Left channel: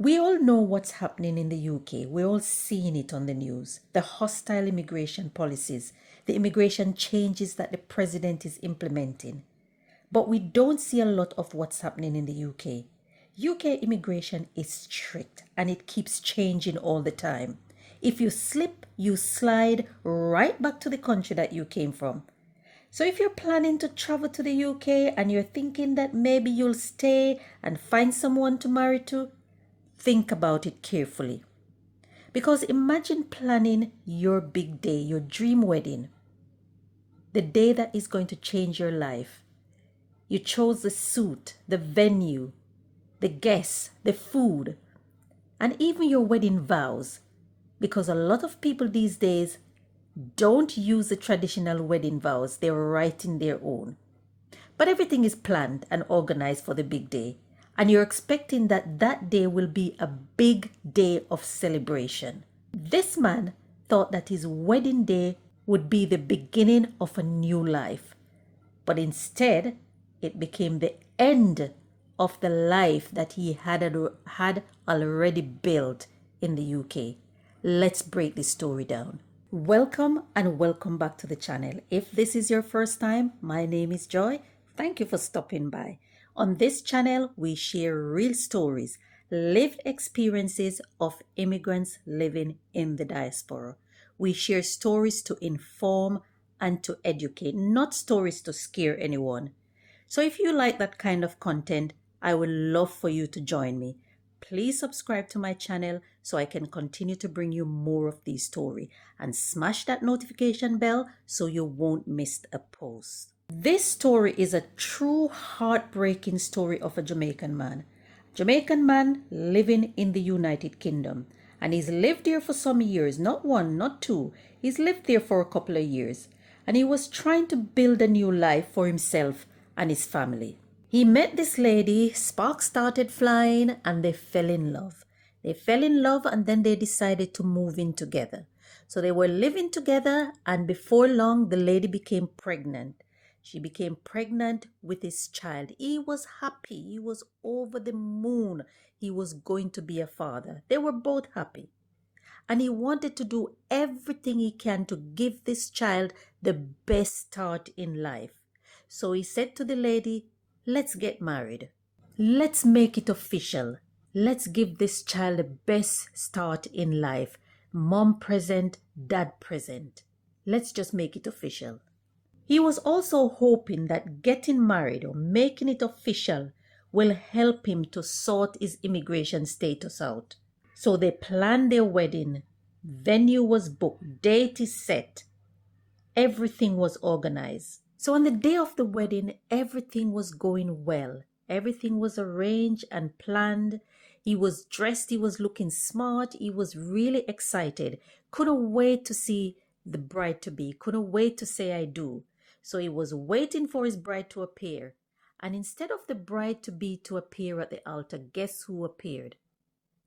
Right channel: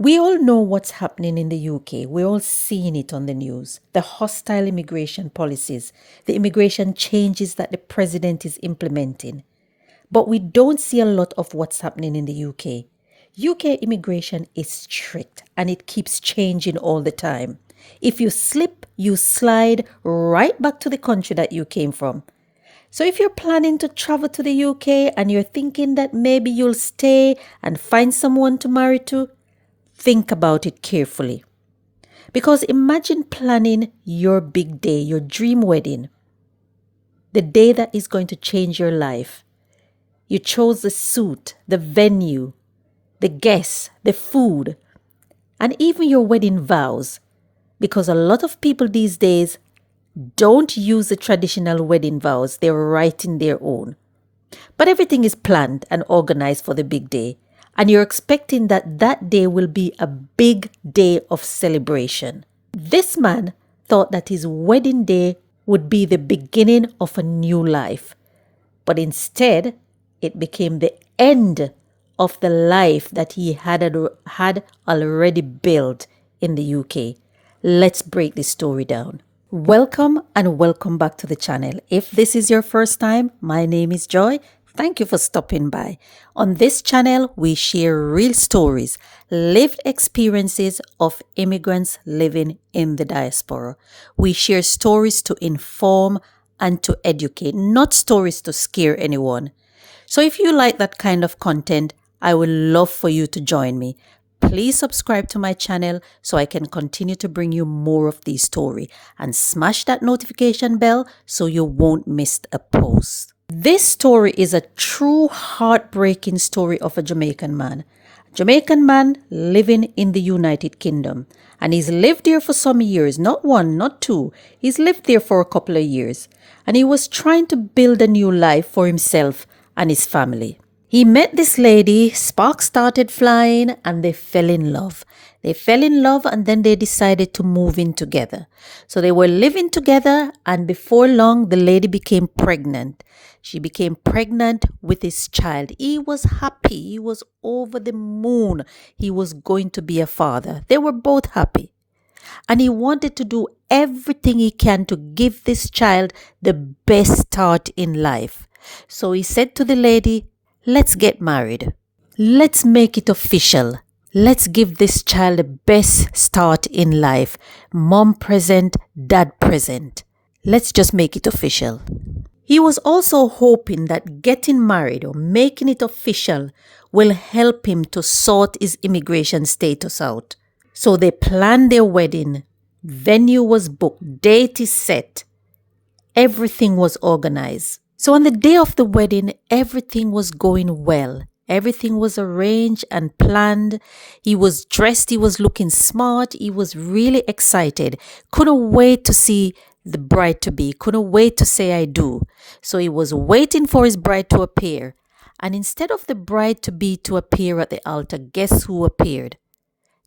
We all know what's happening in the UK. We're all seeing it on the news. The hostile immigration policies, the immigration changes that the president is implementing. But we don't see a lot of what's happening in the UK. UK immigration is strict and it keeps changing all the time. If you slip, you slide right back to the country that you came from. So if you're planning to travel to the UK and you're thinking that maybe you'll stay and find someone to marry to, think about it carefully. Because imagine planning your big day, your dream wedding, the day that is going to change your life. You chose the suit, the venue, the guests, the food, and even your wedding vows. Because a lot of people these days don't use the traditional wedding vows, they're writing their own. But everything is planned and organized for the big day. And you're expecting that that day will be a big day of celebration. This man thought that his wedding day would be the beginning of a new life. But instead, it became the end of the life that he had already built in the UK. Let's break this story down. Welcome and welcome back to the channel. If this is your first time, my name is Joy. Thank you for stopping by. On this channel, we share real stories, lived experiences of immigrants living in the diaspora. We share stories to inform and to educate, not stories to scare anyone. So if you like that kind of content, I would love for you to join me. Please subscribe to my channel so I can continue to bring you more of these stories, and smash that notification bell so you won't miss a post. This story is a true heartbreaking story of a Jamaican man. Jamaican man living in the United Kingdom. And he's lived there for some years, not one, not two. He's lived there for a couple of years. And he was trying to build a new life for himself and his family. He met this lady, sparks started flying, and they fell in love. They fell in love and then they decided to move in together. So they were living together, and before long, the lady became pregnant. She became pregnant with his child. He was happy. He was over the moon. He was going to be a father. They were both happy. And he wanted to do everything he can to give this child the best start in life. So he said to the lady, "Let's get married. Let's make it official. Let's give this child the best start in life. Mom present, dad present. Let's just make it official." He was also hoping that getting married or making it official will help him to sort his immigration status out. So they planned their wedding. Venue was booked. Date is set. Everything was organized. So on the day of the wedding, everything was going well. Everything was arranged and planned. He was dressed. He was looking smart. He was really excited. Couldn't wait to see the bride-to-be. Couldn't wait to say I do. So he was waiting for his bride to appear. And instead of the bride-to-be to appear at the altar, guess who appeared?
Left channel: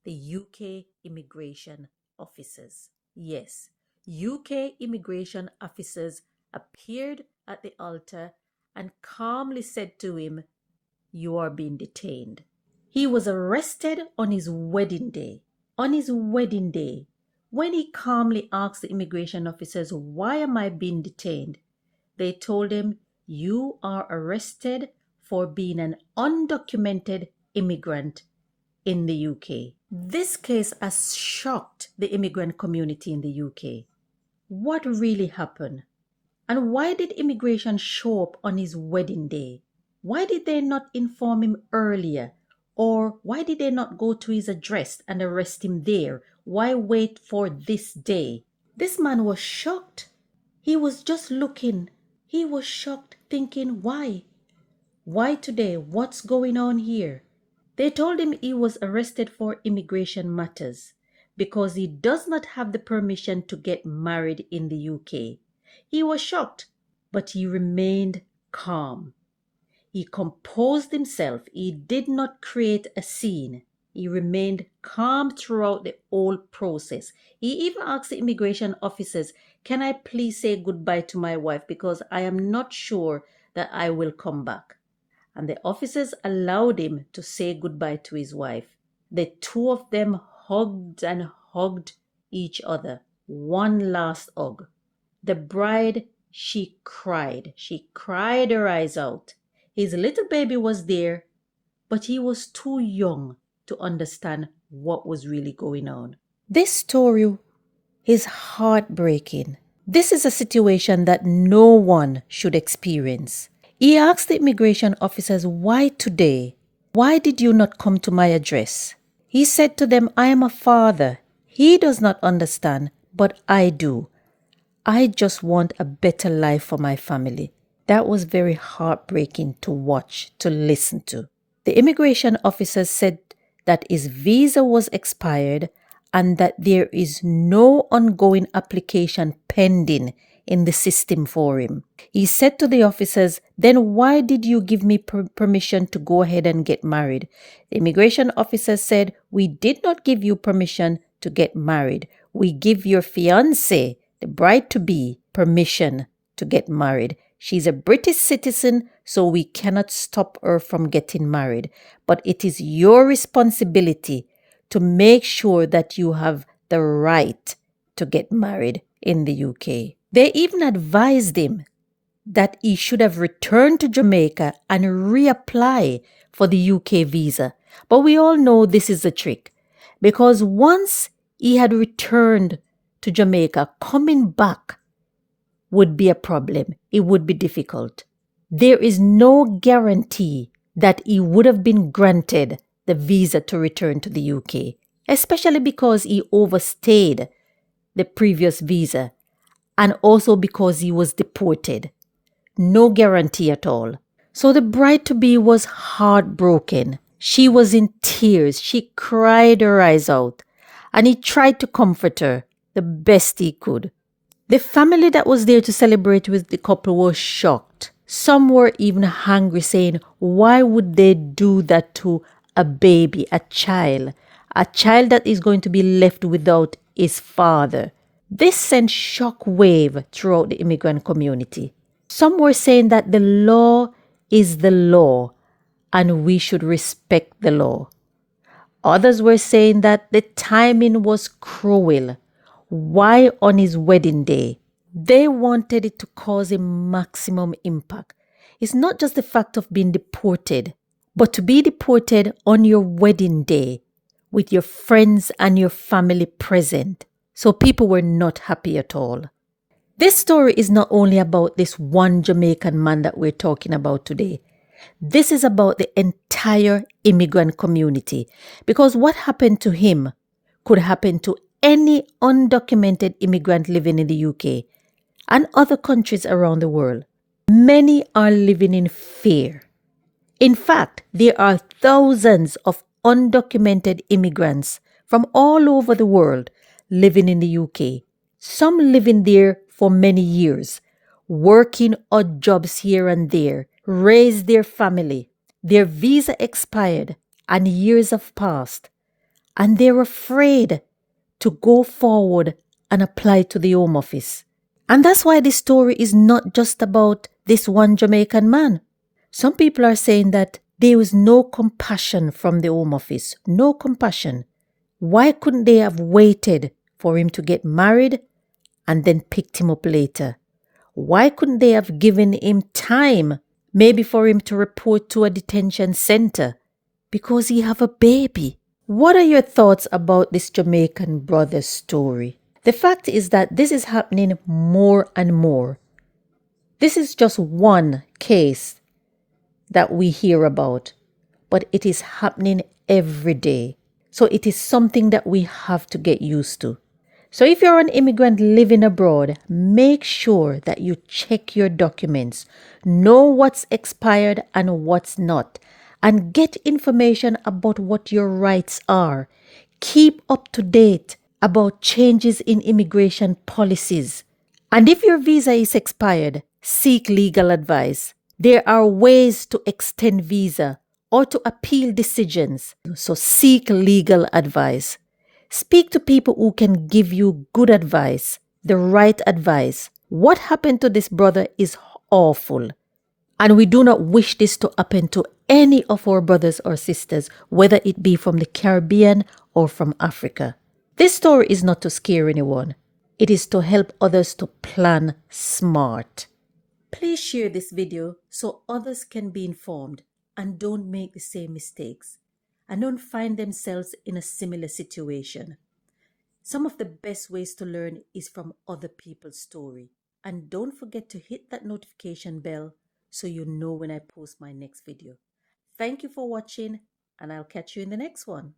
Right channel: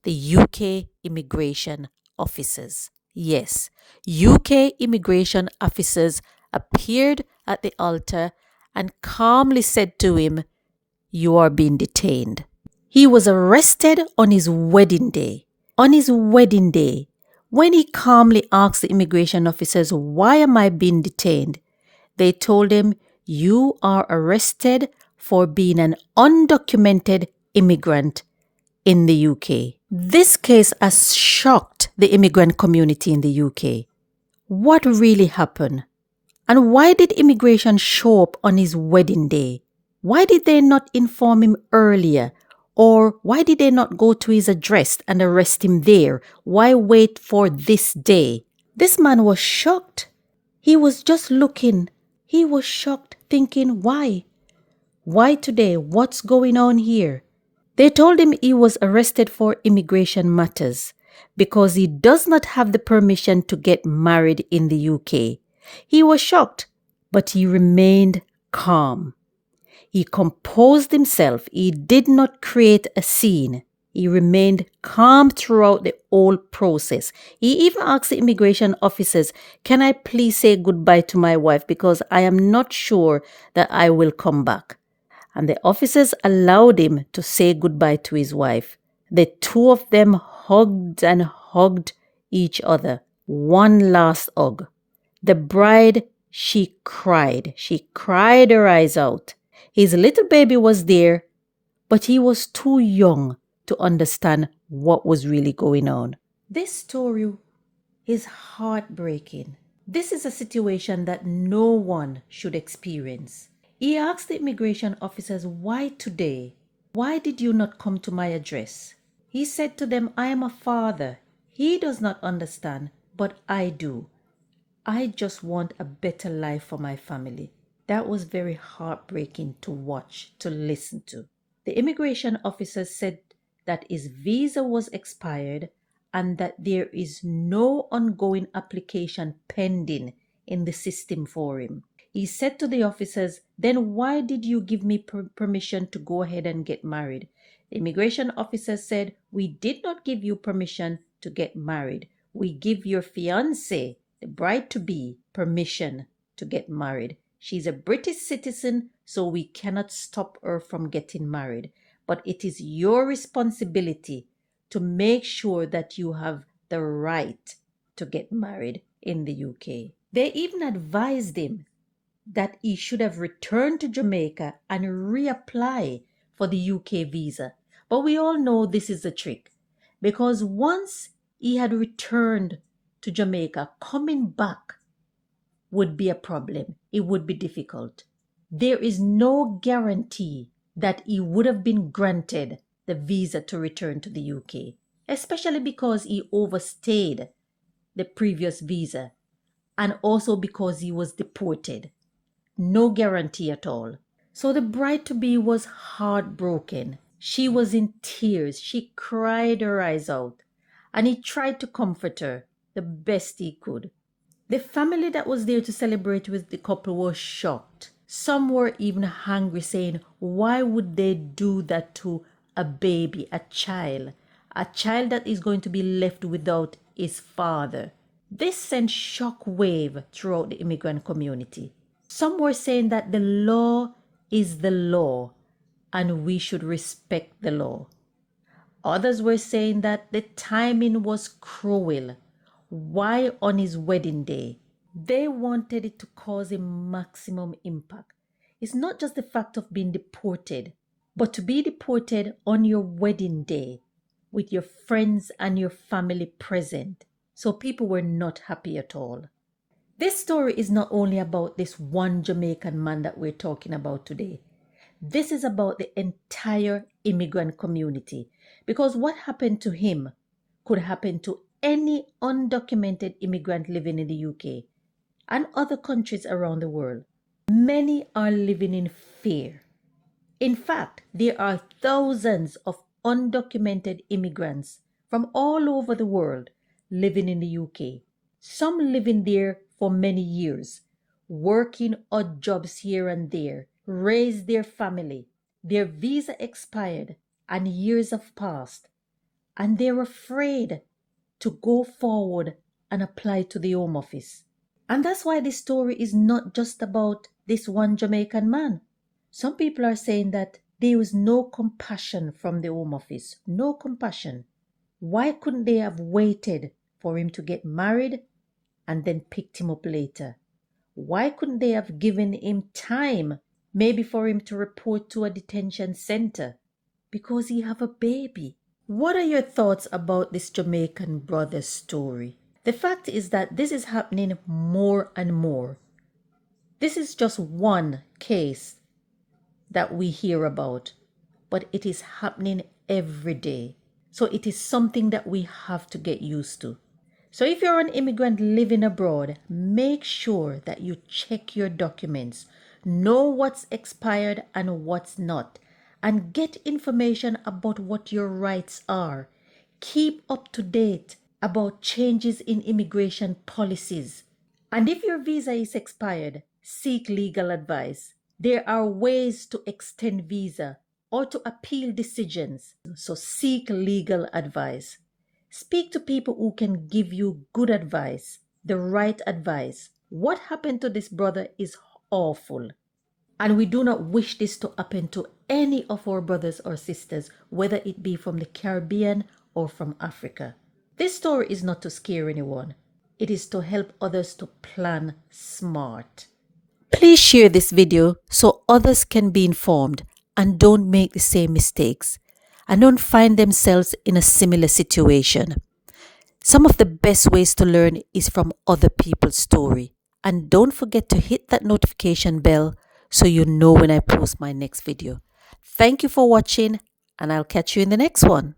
The UK immigration officers. Yes, UK immigration officers appeared at the altar and calmly said to him, "You are being detained." He was arrested on his wedding day. On his wedding day, when he calmly asked the immigration officers, "Why am I being detained?" They told him, "You are arrested for being an undocumented immigrant in the UK." This case has shocked the immigrant community in the UK. What really happened? And why did immigration show up on his wedding day? Why did they not inform him earlier? Or why did they not go to his address and arrest him there? Why wait for this day? This man was shocked. He was just looking. He was shocked, thinking, why? Why today? What's going on here? They told him he was arrested for immigration matters because he does not have the permission to get married in the UK. He was shocked, but he remained calm. He composed himself. He did not create a scene. He remained calm throughout the whole process. He even asked the immigration officers, "Can I please say goodbye to my wife because I am not sure that I will come back?" And the officers allowed him to say goodbye to his wife. The two of them hugged and hugged each other. One last hug. The bride, she cried. She cried her eyes out. His little baby was there, but he was too young to understand what was really going on. This story is heartbreaking. This is a situation that no one should experience. He asked the immigration officers, "Why today? Why did you not come to my address?" He said to them, "I am a father. He does not understand, but I do. I just want a better life for my family." That was very heartbreaking to watch, to listen to. The immigration officer said that his visa was expired and that there is no ongoing application pending in the system for him. He said to the officers, "Then why did you give me permission to go ahead and get married?" The immigration officer said, "We did not give you permission to get married. We give your fiancee, the bride-to-be, permission to get married. She's a British citizen, so we cannot stop her from getting married. But it is your responsibility to make sure that you have the right to get married in the UK." They even advised him that he should have returned to Jamaica and reapply for the UK visa. But we all know this is a trick, because once he had returned to Jamaica, coming back would be a problem. It would be difficult. There is no guarantee that he would have been granted the visa to return to the UK, especially because he overstayed the previous visa and also because he was deported. No guarantee at all. So the bride-to-be was heartbroken. She was in tears. She cried her eyes out, and he tried to comfort her the best he could. The family that was there to celebrate with the couple was shocked. Some were even angry, saying, "Why would they do that to a baby, a child that is going to be left without his father?" This sent shockwave throughout the immigrant community. Some were saying that the law is the law and we should respect the law. Others were saying that the timing was cruel. Why on his wedding day? They wanted it to cause a maximum impact. It's not just the fact of being deported, but to be deported on your wedding day with your friends and your family present. So people were not happy at all. This story is not only about this one Jamaican man that we're talking about today. This is about the entire immigrant community, because what happened to him could happen to any undocumented immigrant living in the UK and other countries around the world. Many are living in fear. In fact, there are thousands of undocumented immigrants from all over the world living in the UK. Some living there for many years, working odd jobs here and there, raised their family. Their visa expired and years have passed, and they're afraid to go forward and apply to the Home Office. And that's why this story is not just about this one Jamaican man. Some people are saying that there was no compassion from the Home Office. No compassion. Why couldn't they have waited for him to get married and then picked him up later? Why couldn't they have given him time, maybe for him to report to a detention center? Because he have a baby. What are your thoughts about this Jamaican brother's story? The fact is that this is happening more and more. This is just one case that we hear about, but it is happening every day. So it is something that we have to get used to. So if you're an immigrant living abroad, make sure that you check your documents, know what's expired and what's not, and get information about what your rights are. Keep up to date about changes in immigration policies. And if your visa is expired, seek legal advice. There are ways to extend visa or to appeal decisions. So seek legal advice. Speak to people who can give you good advice, the right advice. What happened to this brother is awful. And we do not wish this to happen to any of our brothers or sisters, whether it be from the Caribbean or from Africa. This story is not to scare anyone. It is to help others to plan smart. Please share this video so others can be informed and don't make the same mistakes and don't find themselves in a similar situation. Some of the best ways to learn is from other people's story. And don't forget to hit that notification bell so you know when I post my next video. Thank you for watching, and I'll catch you in the next one.